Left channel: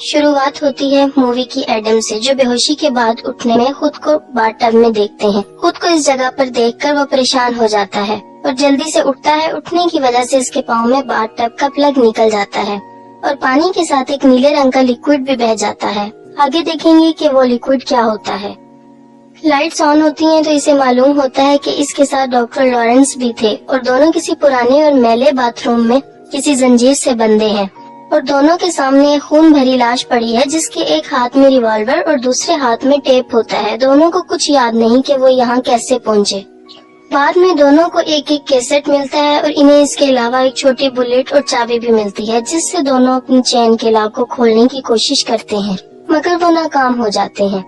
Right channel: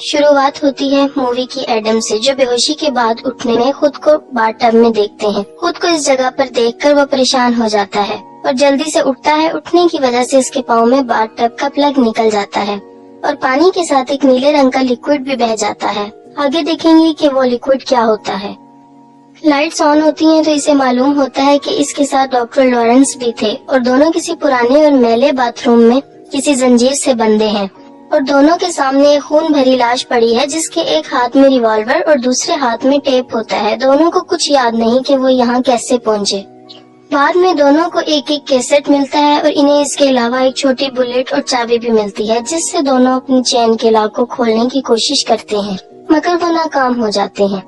शुरुआत होती है मूवी की एडम से, जो बेहोशी के बाद उठने में खुद को बाथटब में देखते हैं। खुद को इस जगह पर देखकर वो परेशान हो जाता है और जल्दी से उठता है। उठने की वजह से इसके पाँव में बाथटब का प्लग निकल जाता है और पानी के साथ एक नीले रंग का लिक्विड भी बह जाता है। आगे देखेंगे कि वो लिक्विड क्या होता है। लाइट्स ऑन होती हैं तो इसे मालूम होता है कि इसके साथ डॉक्टर लॉरेंस भी थे और दोनों किसी पुराने और मैले बाथरूम में किसी जंजीर से बंधे हैं और दोनों के सामने एक खून भरी लाश पड़ी है, जिसके एक हाथ में रिवॉल्वर और दूसरे हाथ में टेप होता है। दोनों को कुछ याद नहीं कि वो यहाँ कैसे पहुँचे। बाद में दोनों को एक एक कैसेट मिलता है और इन्हें इसके अलावा एक छोटी बुलेट और चाबी भी मिलती है, जिससे दोनों अपनी चेन के लॉक को खोलने की कोशिश करते हैं, मगर वो नाकाम हो जाते हैं।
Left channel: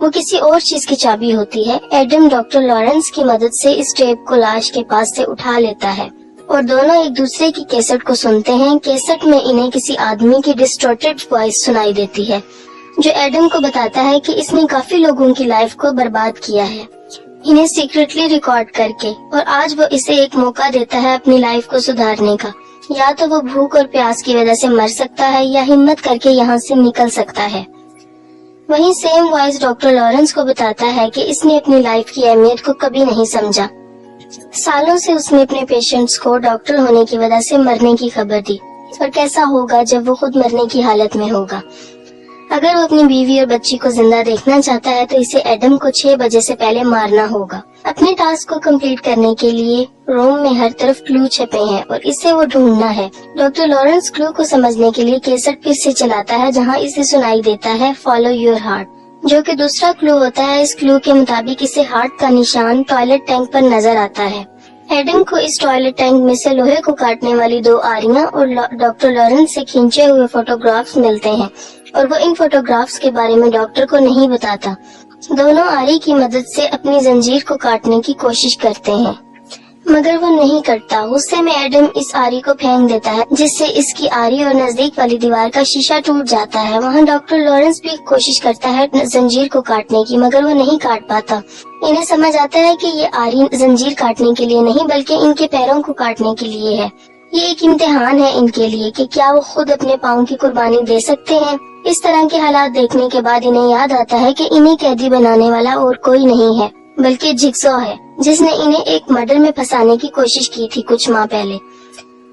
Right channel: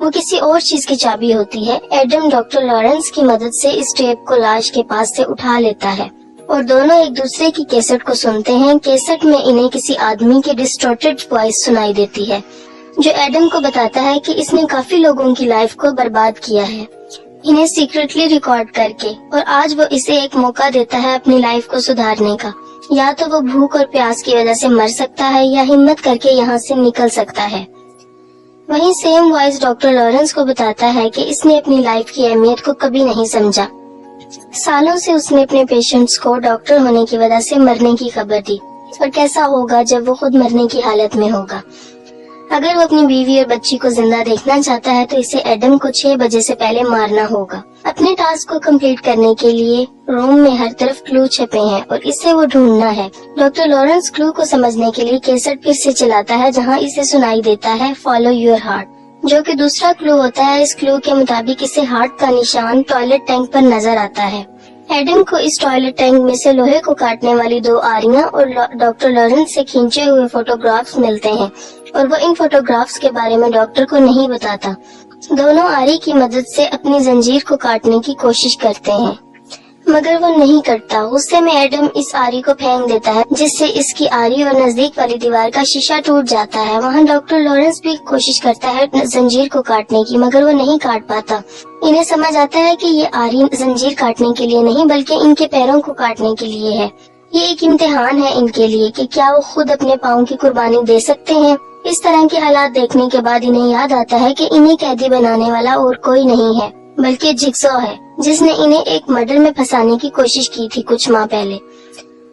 वो किसी और चीज की चाबी होती है। एडम डॉक्टर लॉरेंस की मदद से इस टेप को लाश के पास से उठा लेता है और दोनों एक दूसरे की कैसेट को सुनते हैं। कैसेट में इन्हें किसी आदमी की डिस्टॉर्टेड वॉइस सुनाई देती है, जो एडम को बताता है कि इसने काफी लोगों की लाइफ को बर्बाद किया है, इन्हें सीक्रेटली रिकॉर्ड करके, और आज वो इसे एक मौका देता है अपनी लाइफ को सुधारने का। या तो वो भूख और प्यास की वजह से मर सकता है या हिम्मत करके यहाँ से निकल सकता है। वहीं सेम वॉइस डॉक्टर लॉरेंस को बताता है कि इसने अपनी लाइफ की अहमियत को कभी नहीं समझा। सालों से उसने अपने पेशेंट्स को डॉक्टर होने की वजह से मरने की खबर दी, और कैसा होगा जब वो खुद मरने की हालत में होगा। अगर वो अपनी बीवी और बच्ची को जिंदा देखना चाहता है तो इसे एडम को 6 बजे से पहले मारना होगा। अपने टास्क को कंप्लीट करने के लिए रोम में हर तरफ क्लू छपे हैं और इसे वो ढूंढना है। डॉक्टर लॉरेंस क्लू को समझने के लिए कैसेट फिर से चलाता है, जहाँ इसे सुनाई देता है फॉलो योर हार्ट, जो कि दूसरा क्लू होता है। इस क्लू के मुताबिक इसे हार्ट का निशान टॉयलेट टैंक पर नजर आता है। एडम को इस टॉयलेट टैंक में से लोहे को काटने वाली 2 आरियां और डॉक्टर लॉरेंस से खींचे हुए फोटोग्राफ्स मिलते हैं, और वो इन फोटोग्राफ्स के बारे में डॉक्टर को नहीं बताता। दोनों आरी की मदद से अपनी जंजीर को काटने की कोशिश करते हैं, मगर वो नहीं करता। गुस्से में एडम इस आरी को फेंक देता है, जिससे इसकी आरी और नजदीक वाली दीवार का शीशा टूट जाता है। वहाँ डॉक्टर लॉरेंस भी कोशिश करता है जंजीर को काटने की, मगर वो नहीं काट पाता। इन्हें समझ आता है कि ये आरी जंजीर काटने के लिए नहीं, बल्कि इनके पैरों को काटने के लिए है। ये एक इम्तिहान है इनके लिए कि क्या वो खुद अपने पाँव की कुर्बानी दे सकते हैं। इस तरह के हालात देखने के बाद इन्हें याद आता है कि इन्हें कैदी बनाने वाला और कोई नहीं है, बल्कि जिगसॉ है, जिसने इन्हें एक मर्डर में फंसाने की कोशिश की थी कुछ माह पहले।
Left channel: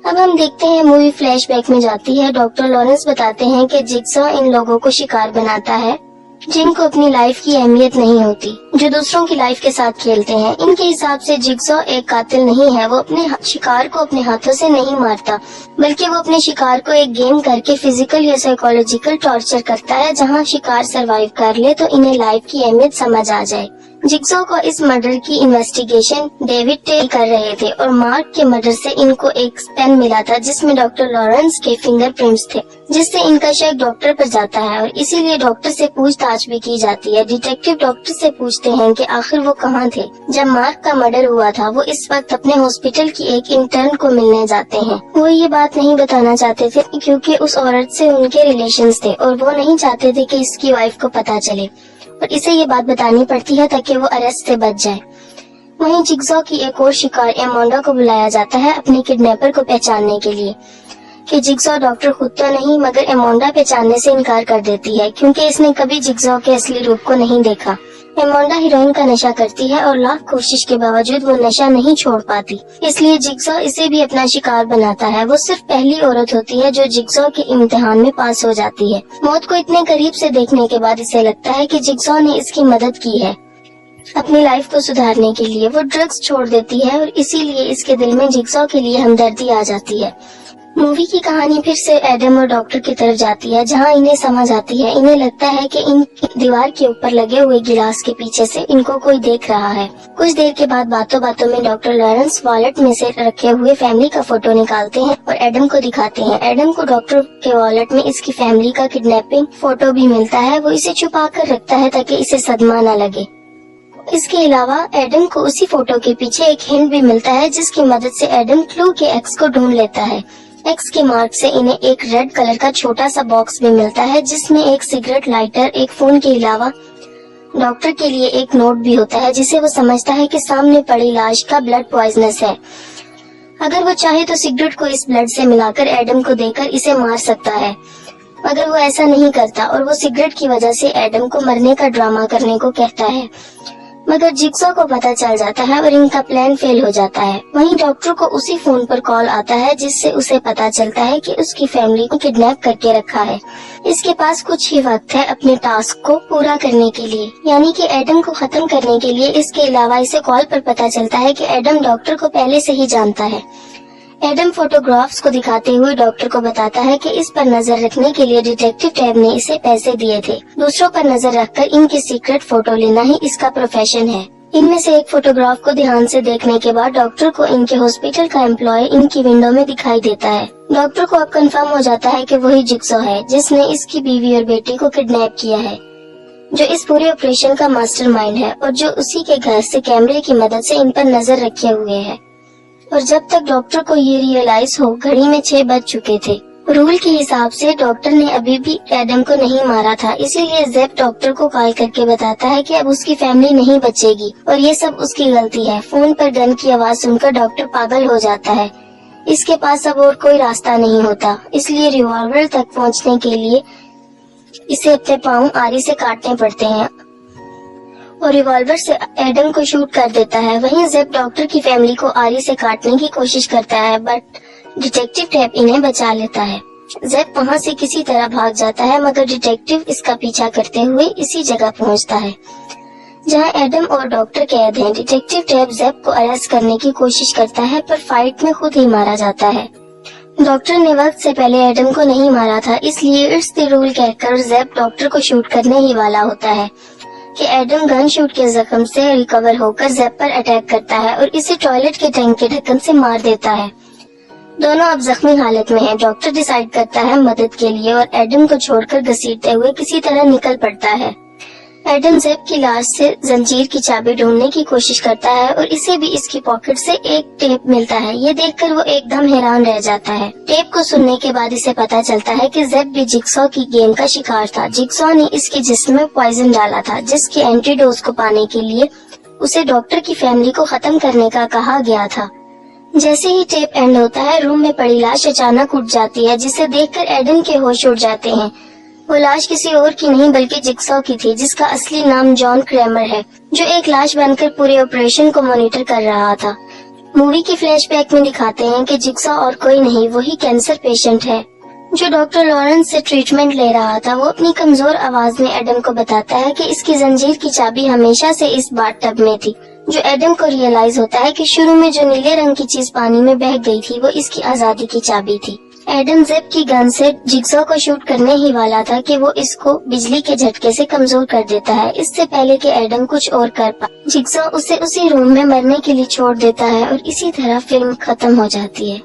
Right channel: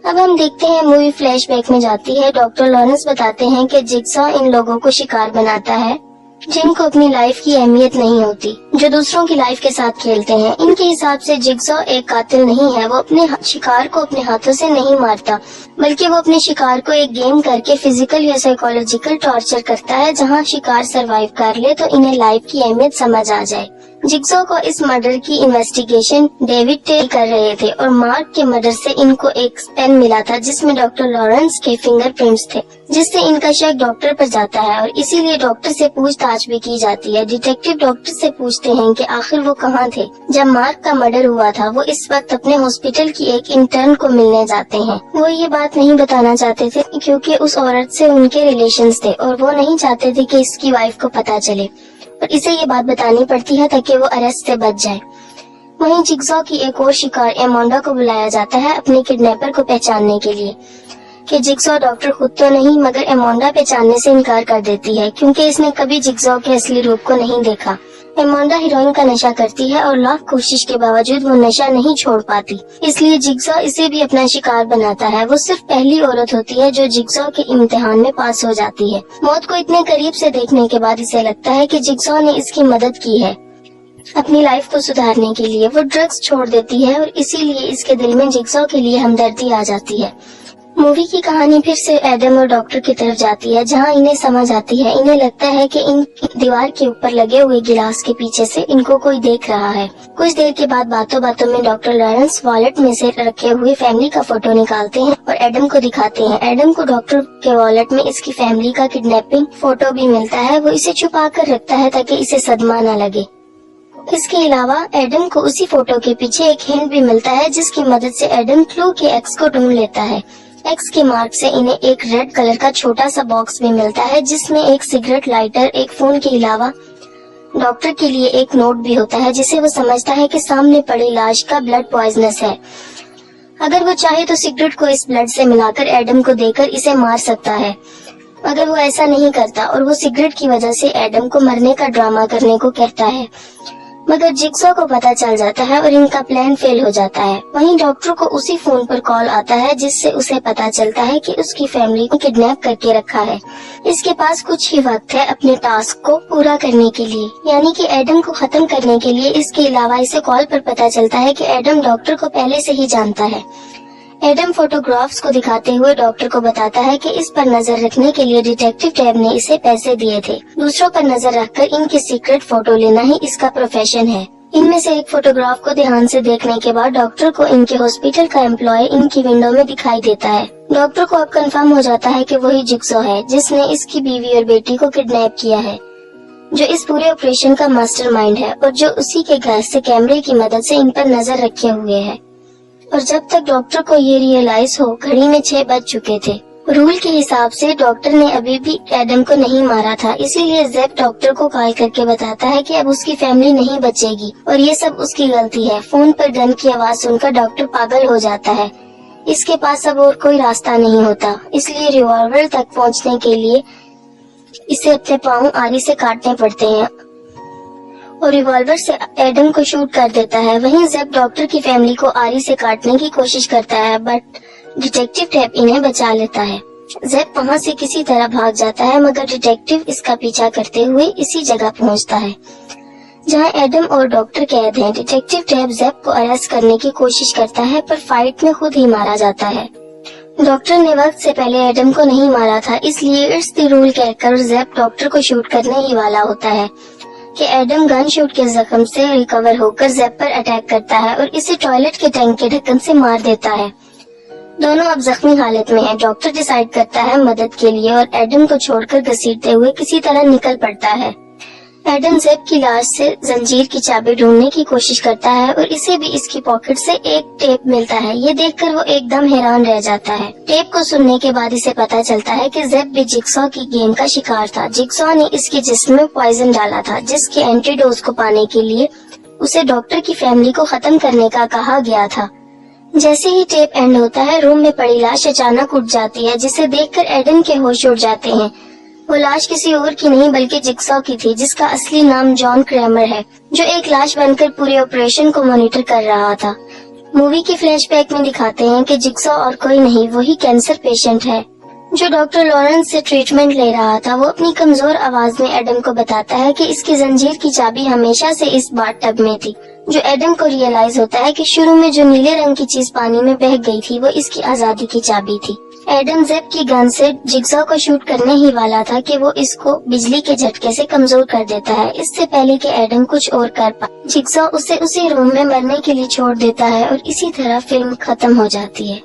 अब हम देखते हैं मूवी फ्लैशबैक में जाती है। डॉक्टर लॉरेंस बताते हैं कि जिगसॉ इन लोगों को शिकार बनाता है जिनको अपनी लाइफ की अहमियत नहीं होती, जो दूसरों की लाइफ के साथ खेलते हैं। इनके हिसाब से जिगसॉ एक कातिल नहीं है। वो अपने शिकार को अपने हाथों से नहीं मारता, बल्कि वो अपने शिकार को एक गेम करके फिजिकल या साइकोलॉजिकल टॉर्चर करता है, जहां शिकार सरवाइव कर ले तो इन्हें लाइफ की अहमियत समझ आ जाए। जिगसॉ को इस मर्डर की इन्वेस्टिगेशन डेविड टे कर रहे थे, और मार्क के मर्डर से इनको एक पेन मिला था जिसमें डॉक्टर लॉरेंस के फिंगरप्रिंट्स थे, जिससे इनका शक डॉक्टर पर जाता है और इसीलिए डॉक्टर से पूछताछ भी की जाती है। डिटेक्टिव डॉक्टर से पूछते हैं कि आखिर वो कहाँ थे जब मार्क का मर्डर हुआ था। वो इस वक्त अपने हॉस्पिटल की एक इंटर्न को मिलने जाते हैं। वो ये बात नहीं बताना चाहते थे क्योंकि उस औरत से उनके रिलेशंस थे और वो नहीं चाहते थे कि इसकी वाइफ को पता चले, और इसे ये बात बतानी पड़ती है ताकि वो अरेस्ट से बच जाए। वहीं जिगसॉ की एक और शिकार एमोंडा को बुलाया जाता है अपने किडनैपर को पहचानने के लिए, कि जिगसॉ डॉक्टर खुद तो नहीं मगर एमोंडा पहचानने से इनकार कर देती है क्योंकि इसने कभी जिगसॉ के असली रूप को नहीं देखा। एमोंडा हीरोइन का नशा करती है और लाख कोशिश के बावजूद वो नशा नहीं छोड़ पाती, इसलिए जिगसॉ इसे भी अपना शिकार बनाता है। वो सिर्फ पहली औरत होती है जो जिगसॉ के इम्तिहान में पास हो जाती है। मौत को इतने करीब से देखने के बाद इसे लगता है कि जिगसॉ ने इसकी मदद की है अपनी लाइफ को सुधारने के लिए। वो ड्रग्स छोड़ देती है और इसीलिए इसके दिल में जिगसॉ के लिए हमदर्दी आ जाती है। मूवी की कहानी फिर से एडम और डॉक्टर की तरफ जाती है, जहां इन्हें समझ आती है। इन्हें लगता है कि इन दीवार के ऊपर लगे हुए गिलास के पीछे से इनको कोई देख रहा है। कुछ देर के बाद बातों बातों में डॉक्टर लॉरेंस वॉलेट में से रखे हुए फैमिली का फोटो निकालते हैं और एडम को दिखाते हैं। एडम को डॉक्टर के वॉलेट में इसकी फैमिली का किडनैपिंग फोटो भी मिलता है। वो इसे छुपा कर रखता है ताकि इसे सदमा न लगे। इसके अलावा एडम को उसी फोटो के पीछे एक हिंट भी मिलता है, जिसकी मदद से एडम क्लू के एक्स को ढूंढ लेता है। एक्स के मार्क से इन्हें एक रेड कलर का छोटा सा बॉक्स भी मिलता है, जिसमें एक सिगरेट लाइटर, एक फोन के अलावा डॉक्टर के लिए एक नोट भी होता है, जिसे वो समझता है कि सामने पड़ी लाश का ब्लड पॉइजनस है। अगर वो चाहे तो सिगरेट को इस ब्लड से मिलाकर एडम को देकर इसे मार सकता है। मगर वो ऐसा नहीं करता और वो सिगरेट की वजह से एडम को मरने का ड्रामा करने को कहता है। मगर जिग्सॉ को पता चल जाता है और इनका प्लान फेल हो जाता है। वहीं डॉक्टर को उसी फोन पर कॉल आता है जिससे उसे पता चलता है कि उसकी फैमिली को किडनैप करके रखा है। इसके पास कुछ ही वक्त है अपने टास्क को पूरा करने के लिए, यानी कि एडम को खत्म करने के लिए। इसके अलावा इसे कॉल पर पता चलता है कि एडम डॉक्टर को पहले से ही जानता है। एडम फोटोग्राफ्स को दिखाते हुए डॉक्टर को बताता है कि इस पर नजर रखने के लिए डिटेक्टिव टैब ने इसे पैसे दिए थे। दूसरों पर नजर रखकर इनकी सीक्रेट फोटो लेना ही इसका प्रोफेशन है। इनमें से एक फोटोग्राफ को ध्यान से देखने के बाद डॉक्टर को इनके हॉस्पिटल का एम्प्लॉय इनकी विंडो में दिखाई देता है। डॉक्टर को अब कंफर्म हो जाता है कि वही जिग्सॉ है जिसने इसकी बीवी और बेटी को किडनैप किया है, जो इस पूरे ऑपरेशन का मास्टरमाइंड है और जो उसी के घर से कैमरे की मदद से इन पर नजर रखे हुए है। और जब तक डॉक्टर को ये रियलाइज हो, घड़ी में 6 बज चुके थे। रूल के हिसाब से डॉक्टर ने अभी भी एडम को नहीं मारा था, इसीलिए ज़ेप डॉक्टर को कॉल करके बताता है कि अब उसकी फैमिली नहीं बचेगी और ये सब उसकी गलती है। फोन पर गन की आवाज सुनकर डॉक्टर पागल हो जाता है। इसके पास अब और कोई रास्ता नहीं होता, इसलिए रिवॉल्वर तक पहुंचने के लिए इसे अपने पाँव आरी से काटने पड़ते हैं और रिवॉल्वर से एडम को शूट कर देता है। वहीं ज़ेप डॉक्टर की फैमिली को आरी से काटने की कोशिश करता है, बट डिटेक्टिव टैब इन्हें बचा लेता है। ज़ेप वहां से किसी तरह भाग जाता है, मगर डिटेक्टिव इसका पीछा करते हुए इसी जगह पहुंचता है जहां एडम और डॉक्टर कैद हैं। डिटेक्टिव टैब ज़ेप को अरेस्ट करने की कोशिश करता है, पर फाइट में खुद ही मारा जाता है। डॉक्टर ने वक्त से पहले एडम को नहीं मारा था, इसलिए इट्स द रूल कहकर ज़ेप डॉक्टर को शूट करने ही वाला होता है कि एडम गन शूट के जख्म से रिकवर होकर ज़ेप पर अटैक करता है और इसे टॉयलेट के टैंक के ढक्कन से मार देता है। दोनों अब जख्मी हालत में हैं। डॉक्टर डिसाइड करता है मदद के लिए और एडम को छोड़कर घसीटते हुए किसी तरह निकल पड़ता है। एडम ज़ेप की लाश से जंजीर की चाबी ढूंढने की कोशिश करता है और इसे भी इसकी पॉकेट से एक टेप मिलता है। ये देखकर वो एकदम हैरान रह जाता है। टेप को सुनने के बाद इसे पता चलता है कि ज़ेप भी जिग्सॉ की गेम का शिकार था। जिग्सॉ ने इसके जिस्म में पॉइजन डाला था, जिसके एंटीडोज को पाने के लिए उसे डॉक्टर की फैमिली को खत्म करने का कहा गया था। जैसे ही टेप एंड होता है, रूम में पड़ी लाश अचानक उठ जाती है, जिसे देखकर एडम के होश उड़ जाते हैं। वो लाश किसी और की नहीं बल्कि जिग्सॉ की थी, जिसका असली नाम जॉन क्रैमर है, जो एक लाश बनकर पूरे ऑपरेशन को मॉनिटर कर रहा था। मूवी के फ्लैशबैक में दिखाते हैं कि जिग्सॉ और कोई नहीं, वही कैंसर पेशेंट है जो डॉक्टर लॉरेंस से ट्रीटमेंट ले रहा था। वो अपनी कमजोर आवाज में एडम को बताता है कि इसकी जंजीर की चाबी हमेशा से इस बाथटब में थी। जो एडम को रियलाइज होता है कि शुरू में जो नीले रंग की चीज पानी में बह गई थी वो इसकी आजादी की चाबी थी। एडम ज़ेप की गन से जिग्सॉ को शूट करने ही वाला था कि वो इसको बिजली के झटके से कमजोर कर देता है, इससे पहले कि एडम कुछ और कर पाए। जिग्सॉ उसे उसी रूम में मरने के लिए छोड़ देता है और इसी तरह फिल्म खत्म हो जाती है।